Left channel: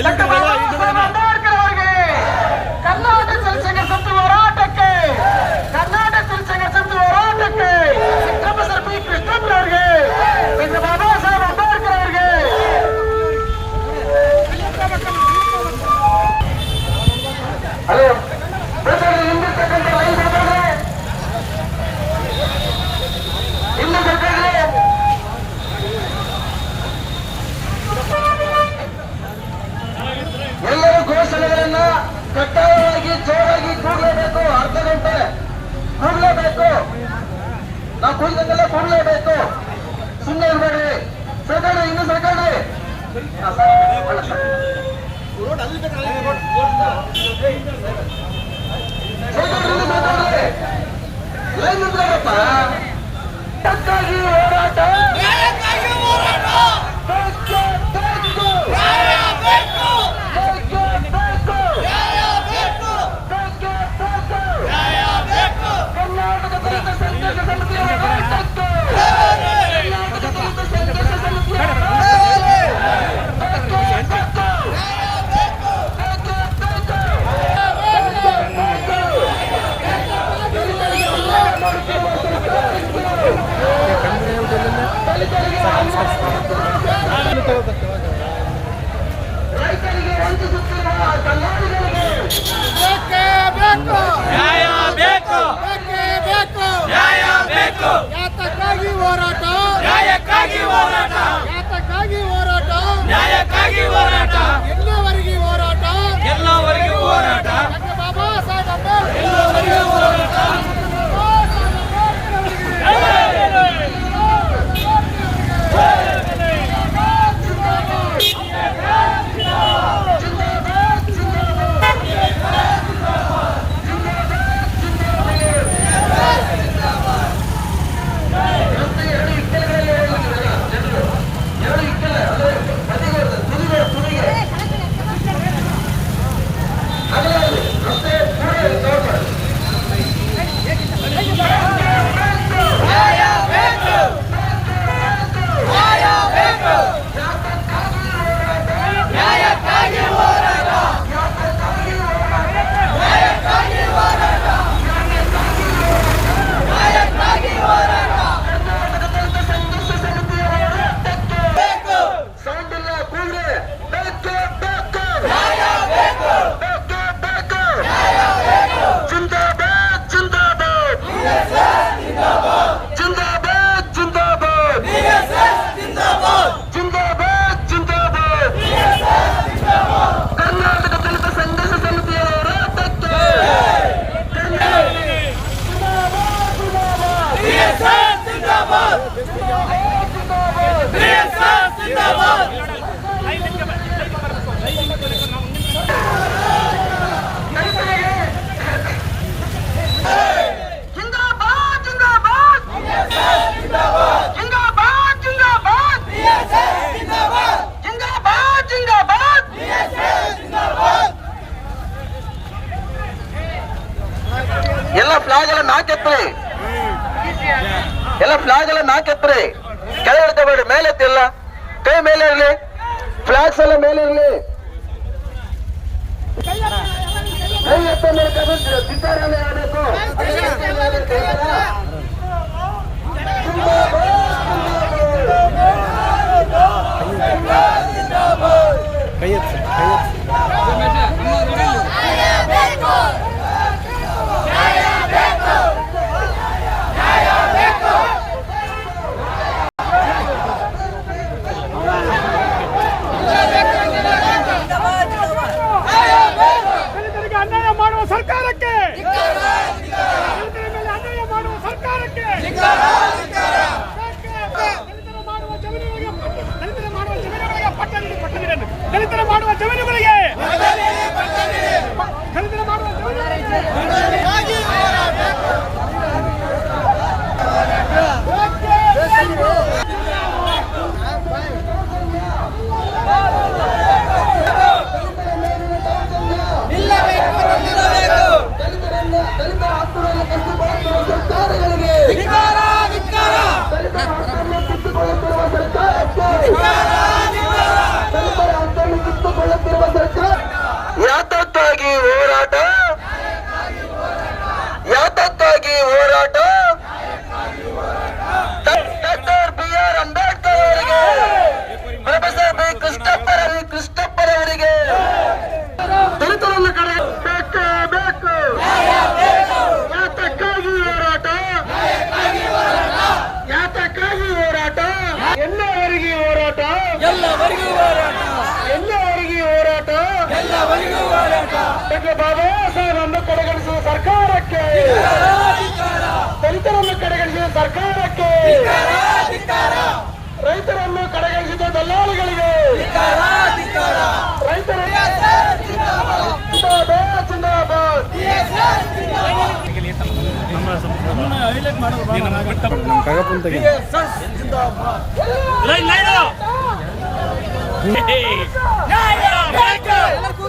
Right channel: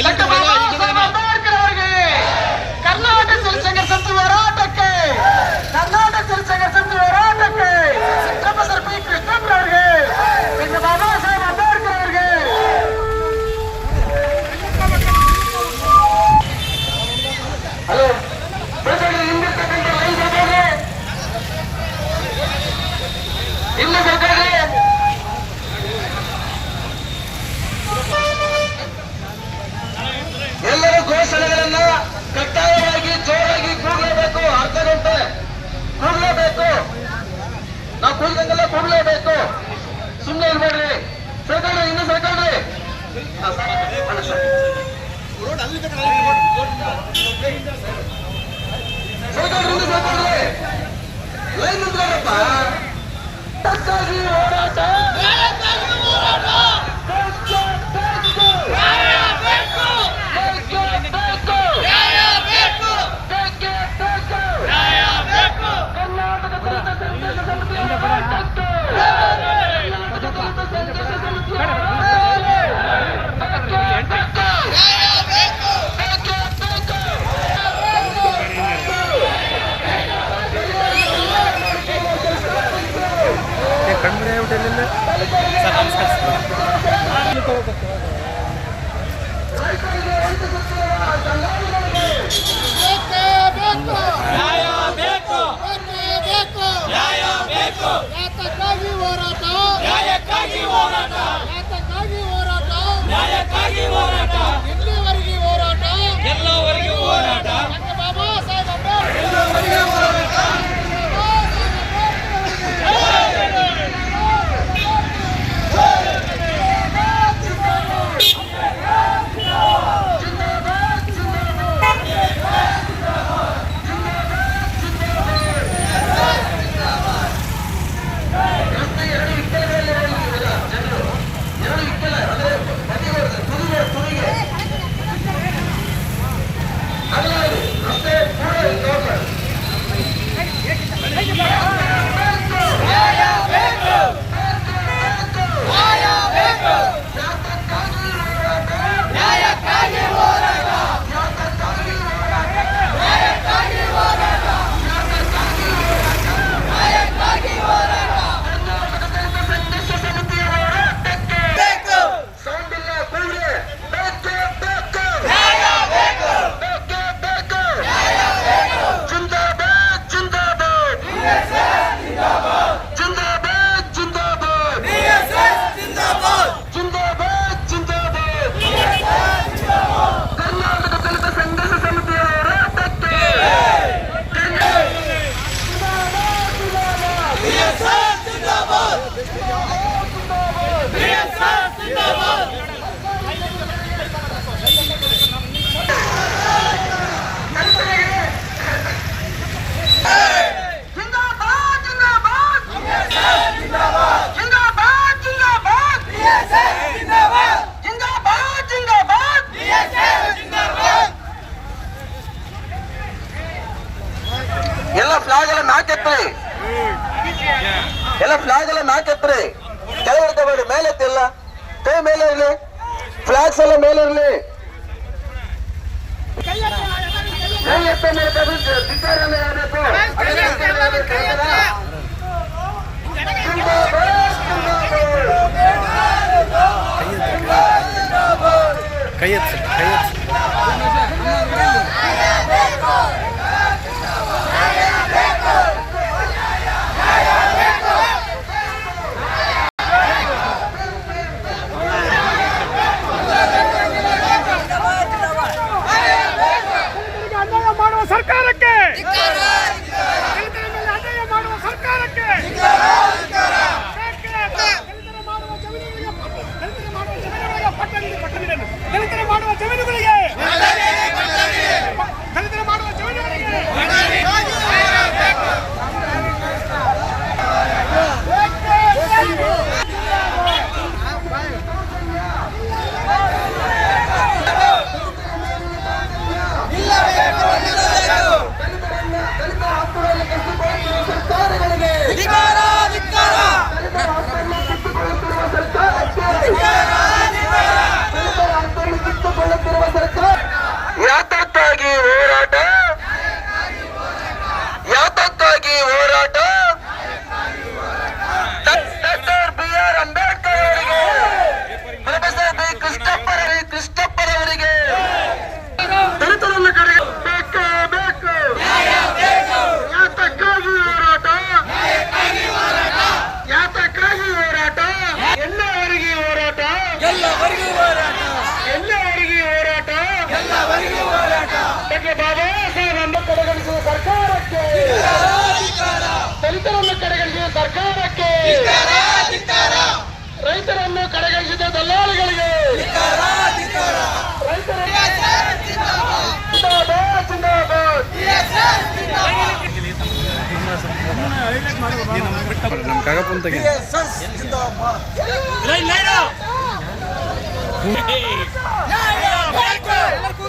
ಅಂಬೇಡ್ಕರ್ ಅವರಿಗೆ ಕರ್ನಾಟಕ ಜನಸಂಘ ಸಂಸ್ಥೆ ಹೋರಾಟಕ್ಕೆ ಪ್ರೊಫೆಸರ್ ಪಿ ಕೃಷ್ಣಪ್ಪ ಅವರಿಗೆ ಬಾಬಾ ಸಾಹೇಬ್ ಅಂಬೇಡ್ಕರ್ ಅವರಿಗೆ ಹಲೋ ಹಿಂದಿರ್ತಕ್ಕಂಥ ಲೈನ್ ಬೇಕಾದ್ರೆ ಹಿಂದೆ ಬೇಕಾದ್ರೆ ಎಲ್ಲರೂ ಘೋಷಣೆಗಳನ್ನ ಕಡ್ಡಾಯವಾಗಿ ಜೋರಾಗಿ ಕೂಡಲೇಬೇಕು. ಅರ್ಧ ಗಂಟೆ ಕೂಡಲೇಬೇಕು. ನಾವು ಕೂಡಿದಂಗೆಲ್ಲ ಕೂಡಲೇಬೇಕು. ಸುಮ್ಮನೆ ಇರ್ಬೇಡ್ರಿ. ಸರ್ಕಾರ್ರಿ ಇನ್ನು ಸರ್ಕಾರ್ರಿ ಲೈನ್ ಇದ್ರಪ್ಪ ಹೋರಾಟ ಎಲ್ಲವರೆಗೂ ಹೋರಾಟ ಬಾಬಾ ಸಾಹೇಬ್ ಅಂಬೇಡ್ಕರ್ ಎಲ್ಲ ಫ್ಲಾಗ್ ಎಲ್ಲ ನಾಕೆತ್ರಿ, ಎಲ್ಲ ಫ್ಲಾಗ್ ಎಲ್ಲ ನಾಕೆತ್ರಿ. ಕೆಳಗೆ ಇಡ್ಕೋಬೇಡಿ, ಮೇಲೆ ಎತ್ತಿಲ್ಲ, ಕೈ ಮೇಲೆ ಇರಲಿ, ಫ್ಲಾಗ್ಸ್ ಎಲ್ಲ ಮೇಲೆ ಇರಲಿ. ಕೈ ಎತ್ತ ಮೇಲೆ ಧಿಕ್ಕಾರನೇ ಆಗಬೇಕು. ಕೈ ಎತ್ತಿ ದಲಿತರ ಮಾಡುವ ಎಲ್ಲವರೆಗೂ ಹೋರಾಟ ಡಾಕ್ಟರ್ ಬಾಬಾ ಸಾಹೇಬರನ್ನು ಕಡೆಗಣಿಸುವ ಸರ್ಕಾರಕ್ಕೆ, ದಲಿತರನ್ನು ಕಡೆಗಣಿಸಿದ ಸರ್ಕಾರಕ್ಕೆ, ರೈತರನ್ನು ಕಡೆಗಣಿಸಿದ ದಲ್ಲಾಳಿಗಳಿಗೆ, ರೈತರ ನಮ್ಮ ಕಾಗಪ್ಪನ ತೆಗೆ ನ್ಯಾಯ ಬೇಕು.